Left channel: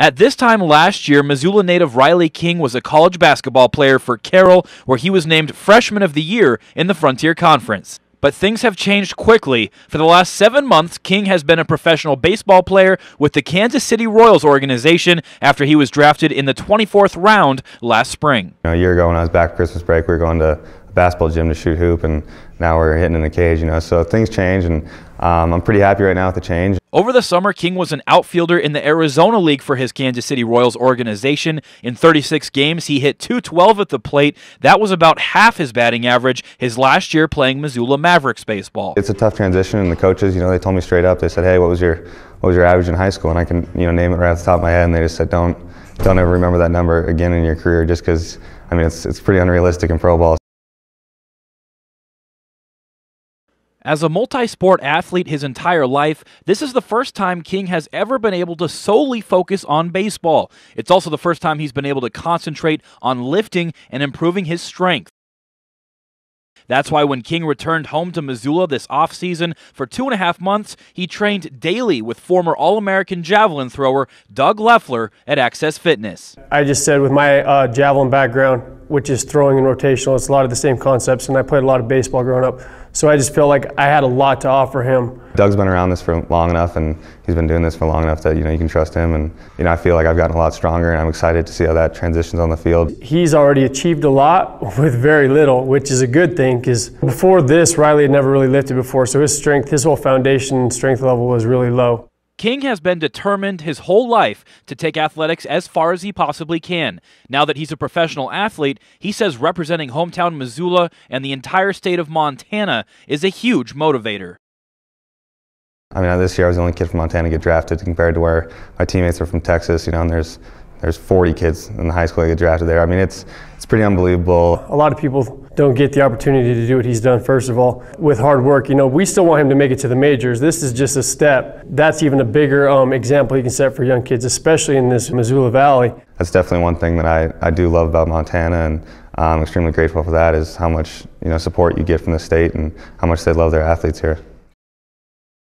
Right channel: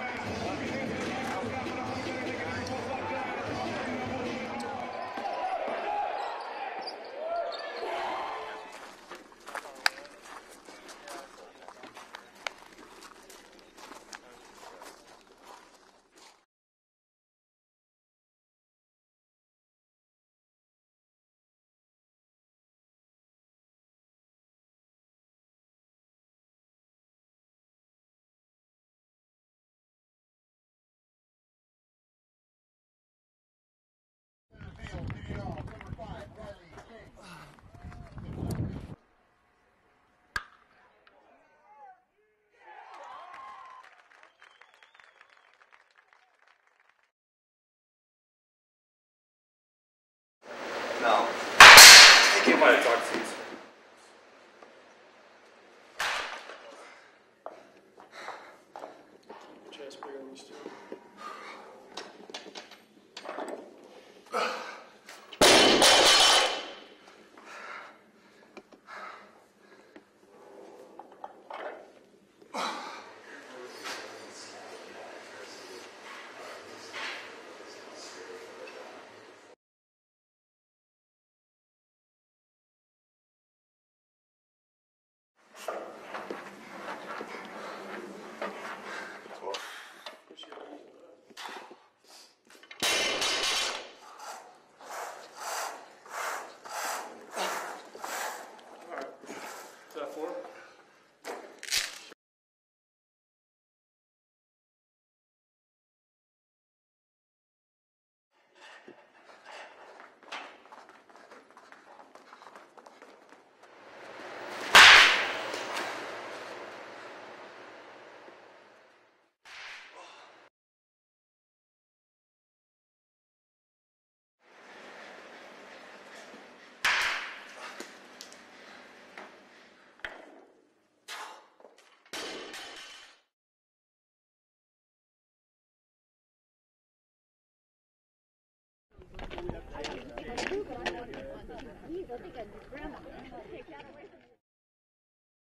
At this time last year, Missoula native Riley King was a college basketball player for Carroll, where he was named Freshman of the Year in the Frontier Conference. But things have changed quickly. For the last 7 months, King has been a professional baseball player with the Kansas City Royals organization after he was drafted in the 24th round last spring. A year ago when I was back for Christmas break, we were going to a basketball gym to shoot hoop, and now we're hitting in a cage, so things change, and I'm pretty happy right now with the change. Over the summer, King was an outfielder in the Arizona League for his Kansas City Royals organization. In 36 games, he hit .212 at the plate. That was about half his batting average his last year playing Missoula Mavericks baseball. It's a tough transition, and the coaches, they told me straight up. They said, "Hey, what was your average in high school?" And I can, name it right off the top of my head. And they just said, "Don't ever remember that number again in your career," just because, it's pretty unrealistic in pro ball. As a multi-sport athlete his entire life, this is the first time King has ever been able to solely focus on baseball. It's also the first time he's been able to concentrate on lifting and improving his strength. That's why when King returned home to Missoula this offseason for 2.5 months, he trained daily with former All-American javelin thrower Doug Leffler at Access Fitness. I just said with my javelin background, which is throwing and rotational, it's a lot of the same concepts, and I played a lot of baseball growing up. So I just felt like I had a lot to offer him. Doug's been around this for long enough, and he's been doing this for long enough that you can trust him. And I feel like I've gotten a lot stronger, and I'm excited to see how that transitions on the field. He's already achieved a lot with very little, which is a good thing, because before this, Riley had never really lifted before, so his whole foundation and strength level was really low. King has been determined his whole life to take athletics as far as he possibly can. Now that he's a professional athlete, he says representing hometown Missoula and the entire state of Montana is a huge motivator. This year I was the only kid from Montana to get drafted compared to where my teammates are from Texas, and there's 40 kids in the high school that get drafted there. It's pretty unbelievable. A lot of people don't get the opportunity to do what he's done, first of all. With hard work, we still want him to make it to the majors. This is just a step. That's even a bigger example he can set for young kids, especially in this Missoula Valley. That's definitely one thing that I do love about Montana, and I'm extremely grateful for that, is how much support you get from the state and how much they love their athletes here.